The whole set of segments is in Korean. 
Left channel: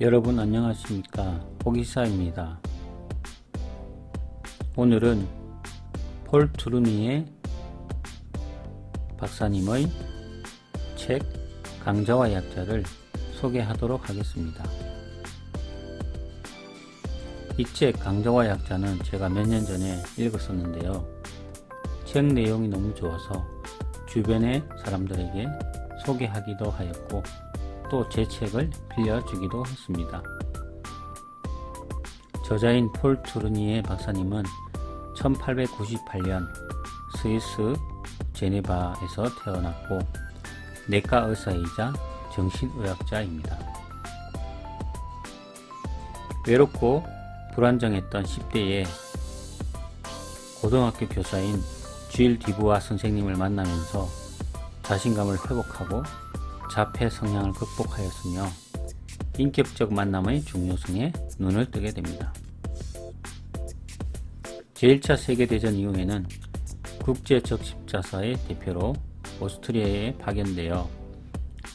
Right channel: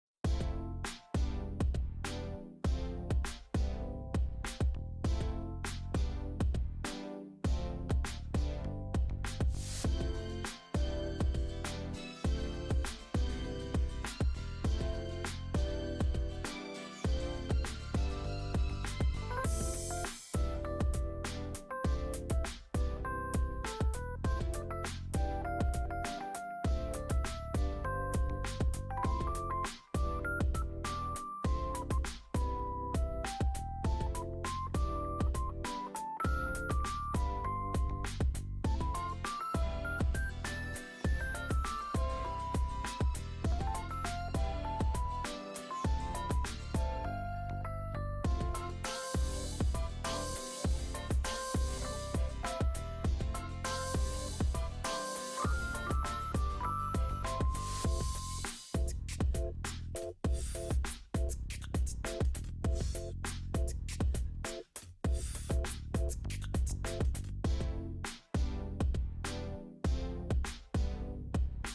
여러분 안녕하십니까, 호기사입니다. 오늘은 폴 트루니에 박사님의 책 강자와 약자를 소개하도록 하겠습니다. 이 책 강자와 약자는 제가 몇 년 전에 읽었었는데요. 책 내용이 너무 좋아서 주변의 사람들에게 소개하기도 하였고 또 제 책을 빌려주기도 했습니다. 저자인 폴 트루니에 박사님은 1898년 스위스 제네바에서 태어났고 내과 의사이자 정신의학자입니다. 외롭고 불안정했던 10대에 고등학교 교사인 쥘 디부아 선생님을 만나면서 자신감을 회복하고 자폐 성향을 극복하였으며 인격적 만남의 중요성에 눈을 뜨게 됩니다. 제1차 세계대전 이후에는 국제적십자사의 대표로 오스트리아에 파견되어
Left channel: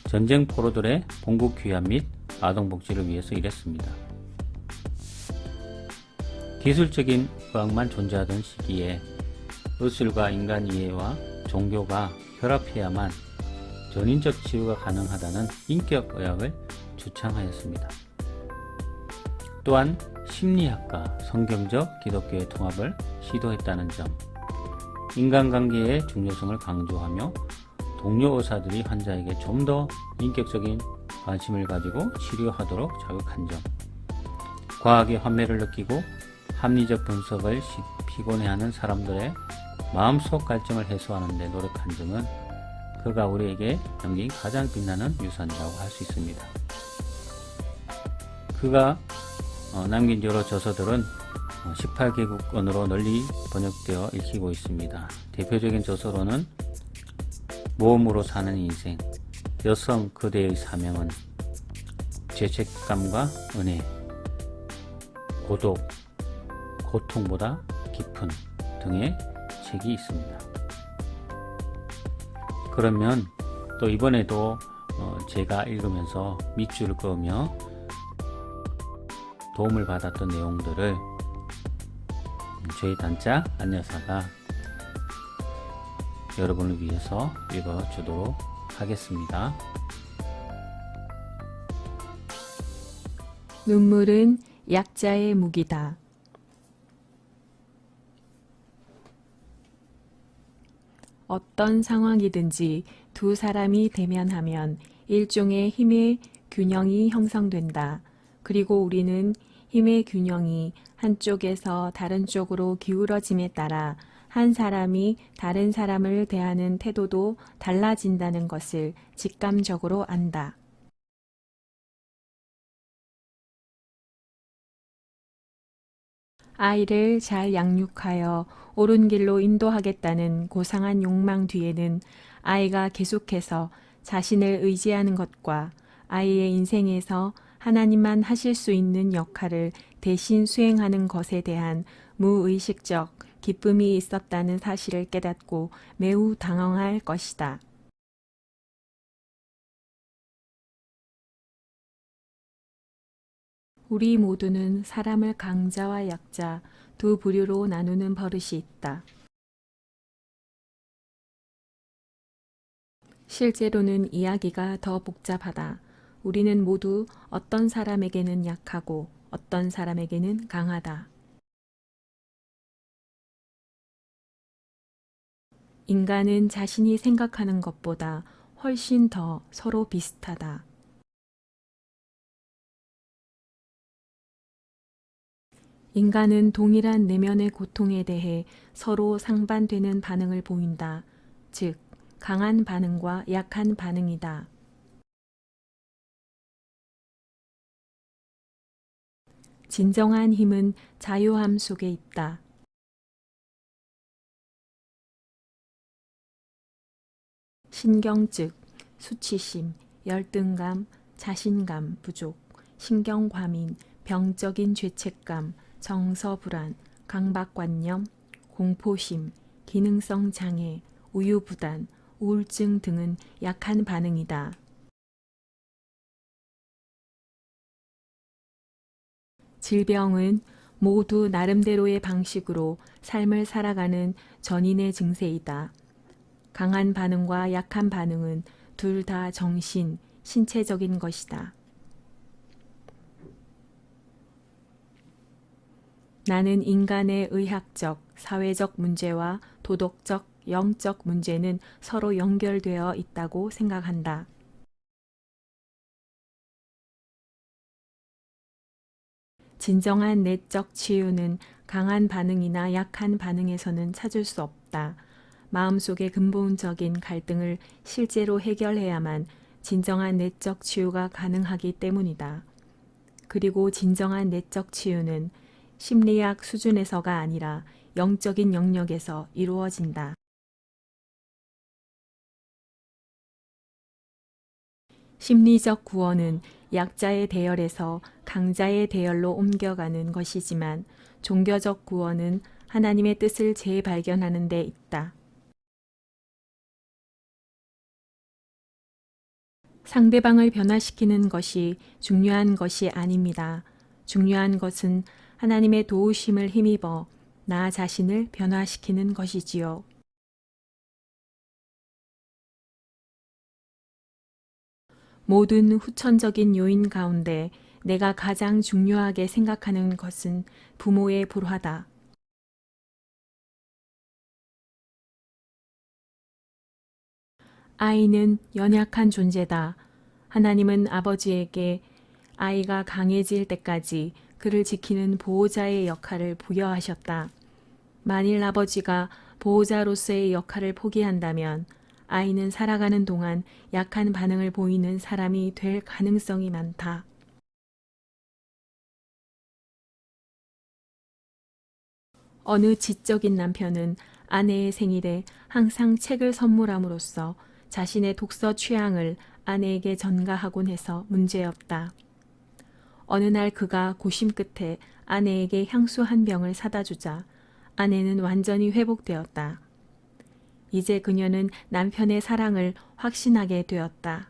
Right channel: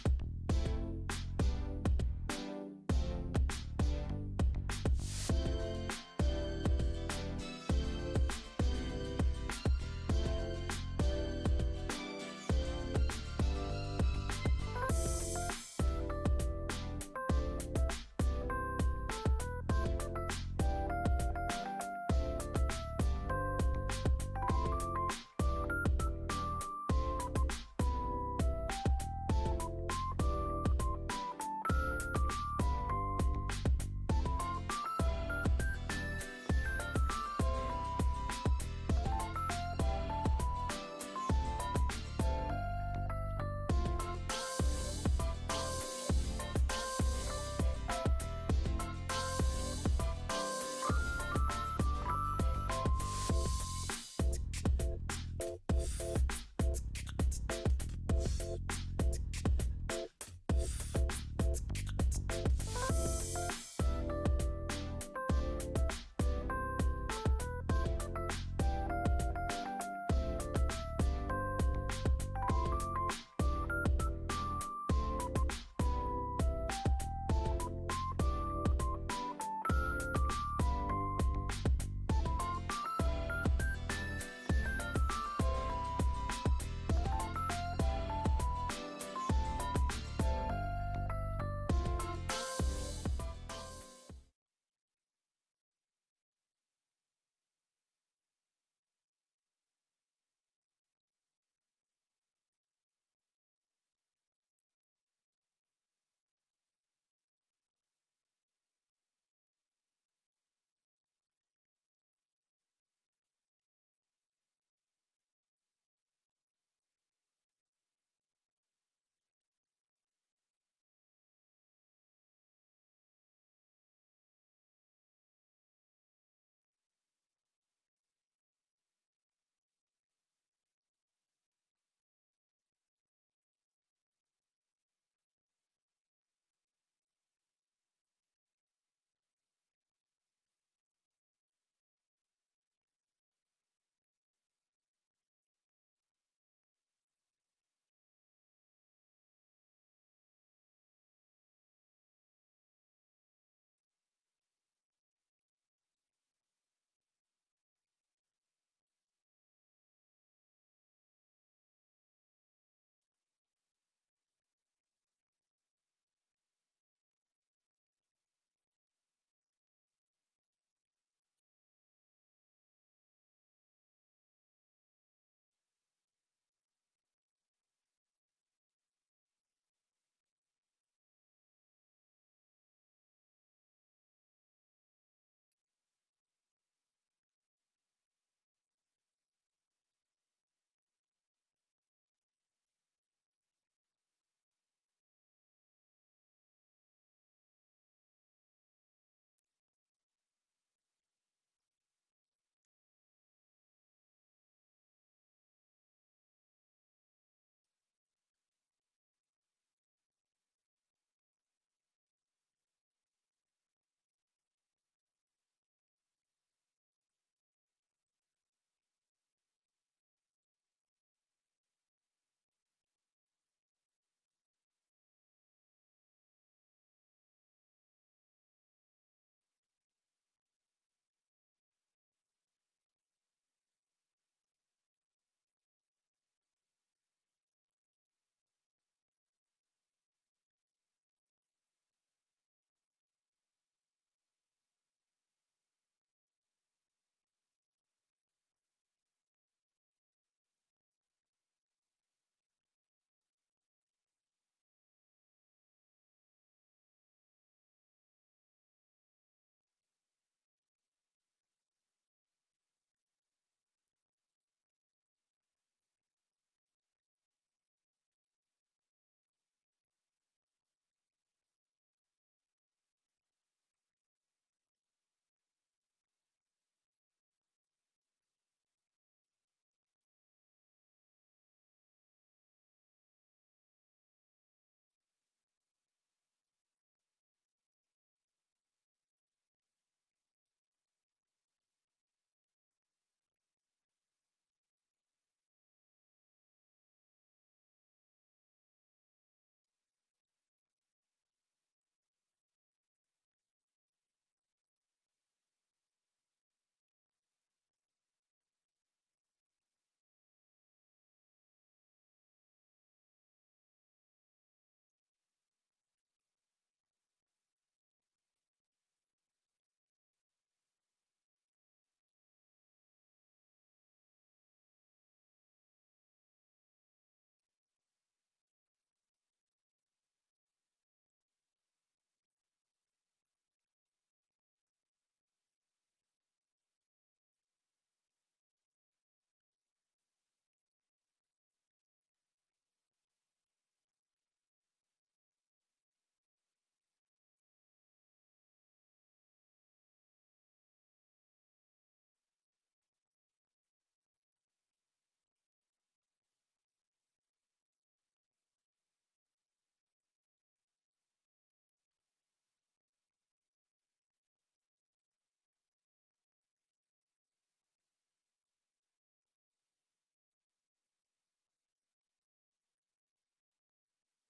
전쟁 포로들의 본국 귀환 및 아동복지를 위해서 일했습니다. 기술적인 과학만 존재하던 시기에 의술과 인간 이해와 종교가 결합해야만 전인적 치유가 가능하다는 인격의학을 주창하였습니다. 또한 심리학과 성경적 기독교의 통합을 시도했다는 점, 인간관계의 중요성을 강조하며 동료 의사들이 환자에게 좀 더 인격적인 관심을 가지고 치료하도록 자극한 점, 과학의 환멸을 느끼고 합리적 분석을 피곤해하는 사람들의 마음속 갈증을 해소하는 데 노력한 점은 그가 우리에게 남긴 가장 빛나는 유산이라고 할 수 있습니다. 그가 남긴 여러 저서들은 18개국어로 널리 번역되어 읽히고 있습니다. 대표적인 저서로는 모험으로 사는 인생, 여성 그대의 사명은, 죄책감과 은혜, 고독, 고통보다 깊은 등의 책이 있습니다. 그러면 또 이번에도 제가 읽으면서 밑줄을 그으며 도움을 받았던 내용들을 저희 단짝 안여사가 여러분을 위해서 읽어주도록 하겠습니다. 눈물은 약자의 무기다. 어떤 상황이든지 두 사람이 대면하면 일종의 힘의 균형이 형성된다. 그리고 우리는 힘의 균형이 한쪽에서 다른 쪽으로 기울어짐에 따라 한 사람이 다른 사람을 대하는 태도도 달라진다는 것을 직감적으로 안다. 아이를 잘 양육하여 옳은 길로 인도하겠다는 고상한 욕망 뒤에는 아이가 계속해서 자신을 의지하는 것과 아이의 인생에서 하나님만 하실 수 있는 역할을 대신 수행하는 것에 대한 무의식적 기쁨이 있었다는 사실을 깨닫고 매우 당황할 것이다. 우리 모두는 사람을 강자와 약자 두 부류로 나누는 버릇이 있다. 실제로는 이야기가 더 복잡하다. 우리는 모두 어떤 사람에게는 약하고 어떤 사람에게는 강하다. 인간은 자신이 생각하는 것보다 훨씬 더 서로 비슷하다. 인간은 동일한 내면의 고통에 대해 서로 상반되는 반응을 보인다. 즉, 강한 반응과 약한 반응이다. 진정한 힘은 자유함 속에 있다. 신경증, 수치심, 열등감, 자신감 부족, 신경과민, 병적인 죄책감, 정서불안, 강박관념, 공포심, 기능성 장애, 우유부단, 우울증 등은 약한 반응이다. 질병은 모두 나름대로의 방식으로 삶을 살아가는 전인의 증세이다. 강한 반응과 약한 반응은 둘 다 정신, 신체적인 것이다. 나는 인간의 의학적, 사회적 문제와 도덕적, 영적 문제는 서로 연결되어 있다고 생각한다. 진정한 내적 치유는 강한 반응이나 약한 반응에서는 찾을 수 없다. 마음속의 근본적인 갈등을 실제로 해결해야만 진정한 내적 치유가 가능하기 때문이다. 그리고 진정한 내적 치유는 심리학 수준에서가 아니라 영적인 영역에서 이루어진다. 심리적 구원은 약자의 대열에서 강자의 대열로 옮겨가는 것이지만 종교적 구원은 하나님의 뜻을 재발견하는 데 있다. 상대방을 변화시키는 것이 중요한 것이 아닙니다. 중요한 것은 하나님의 도우심을 힘입어 나 자신을 변화시키는 것이지요. 모든 후천적인 요인 가운데 내가 가장 중요하게 생각하는 것은 부모의 불화다. 아이는 연약한 존재다. 하나님은 아버지에게 아이가 강해질 때까지 그를 지키는 보호자의 역할을 부여하셨다. 만일 아버지가 보호자로서의 역할을 포기한다면 아이는 살아가는 동안 약한 반응을 보이는 사람이 될 가능성이 많다. 어느 지적인 남편은 아내의 생일에 항상 책을 선물함으로써 자신의 독서 취향을 아내에게 전가하곤 해서 문제였다. 어느 날 그가 고심 끝에 아내에게 향수 한 병을 사다 주자 아내는 완전히 회복되었다. 이제 그녀는 남편의 사랑을 확신하게 되었다.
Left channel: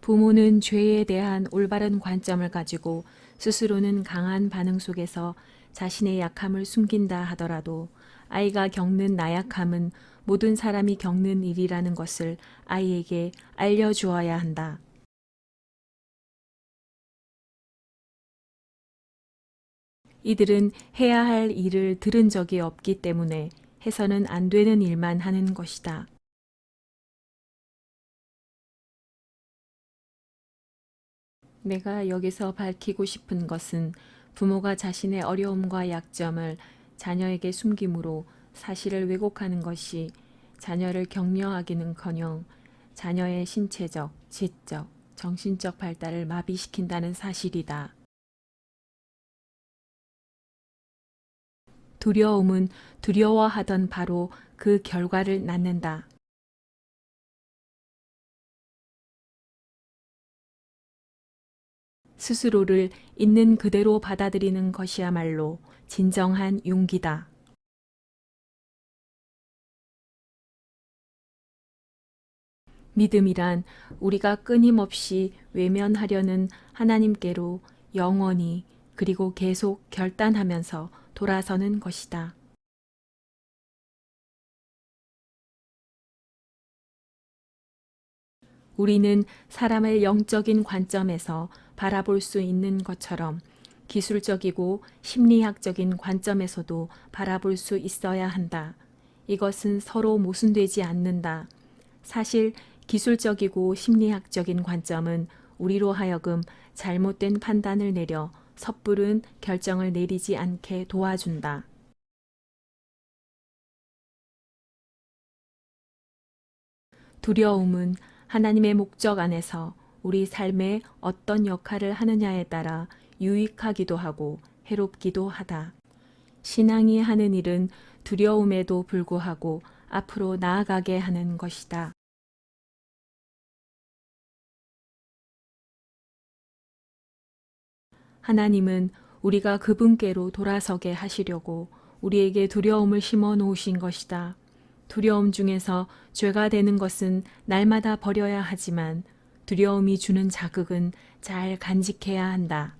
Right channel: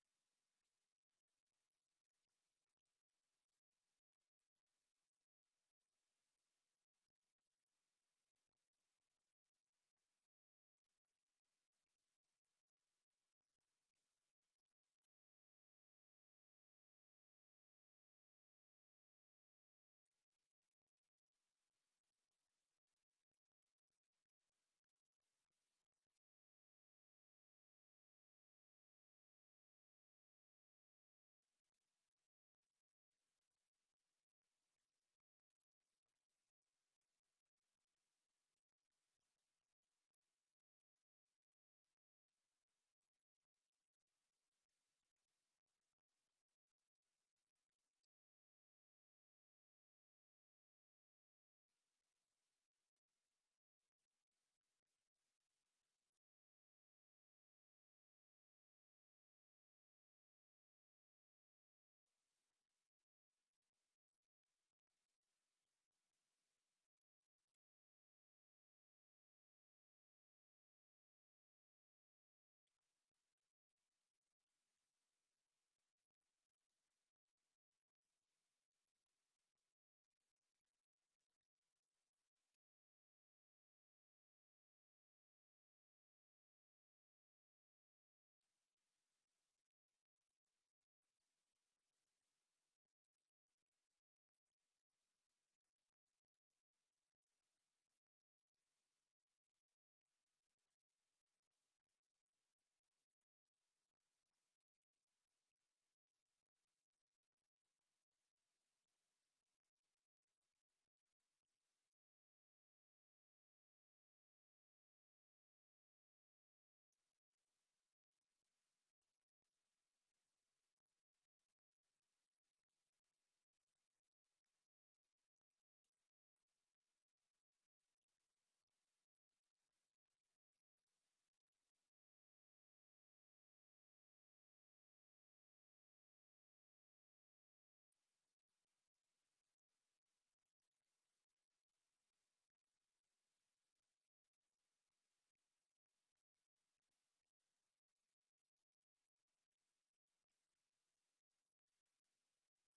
부모는 죄에 대한 올바른 관점을 가지고 스스로는 강한 반응 속에서 자신의 약함을 숨긴다 하더라도 아이가 겪는 나약함은 모든 사람이 겪는 일이라는 것을 아이에게 알려주어야 한다. 이들은 해야 할 일을 들은 적이 없기 때문에 해서는 안 되는 일만 하는 것이다. 내가 여기서 밝히고 싶은 것은 부모가 자신의 어려움과 약점을 자녀에게 숨김으로 사실을 왜곡하는 것이 자녀를 격려하기는커녕 자녀의 신체적, 지적, 정신적 발달을 마비시킨다는 사실이다. 두려움은 두려워하던 바로 그 결과를 낳는다. 스스로를 있는 그대로 받아들이는 것이야말로 진정한 용기다. 믿음이란 우리가 끊임없이 외면하려는 하나님께로 영원히 그리고 계속 결단하면서 돌아서는 것이다. 우리는 사람을 영적인 관점에서 바라볼 수 있는 것처럼 기술적이고 심리학적인 관점에서도 바라볼 수 있어야 한다. 이것은 서로 모순되지 않는다. 사실 기술적이고 심리학적인 관점은 우리로 하여금 잘못된 판단을 내려 섣부른 결정을 내리지 않게 도와준다. 두려움은 하나님의 목적 안에서 우리 삶에 어떤 역할을 하느냐에 따라 유익하기도 하고 해롭기도 하다. 신앙이 하는 일은 두려움에도 불구하고 앞으로 나아가게 하는 것이다. 하나님은 우리가 그분께로 돌아서게 하시려고 우리에게 두려움을 심어 놓으신 것이다. 두려움 중에서 죄가 되는 것은 날마다 버려야 하지만 두려움이 주는 자극은 잘 간직해야 한다.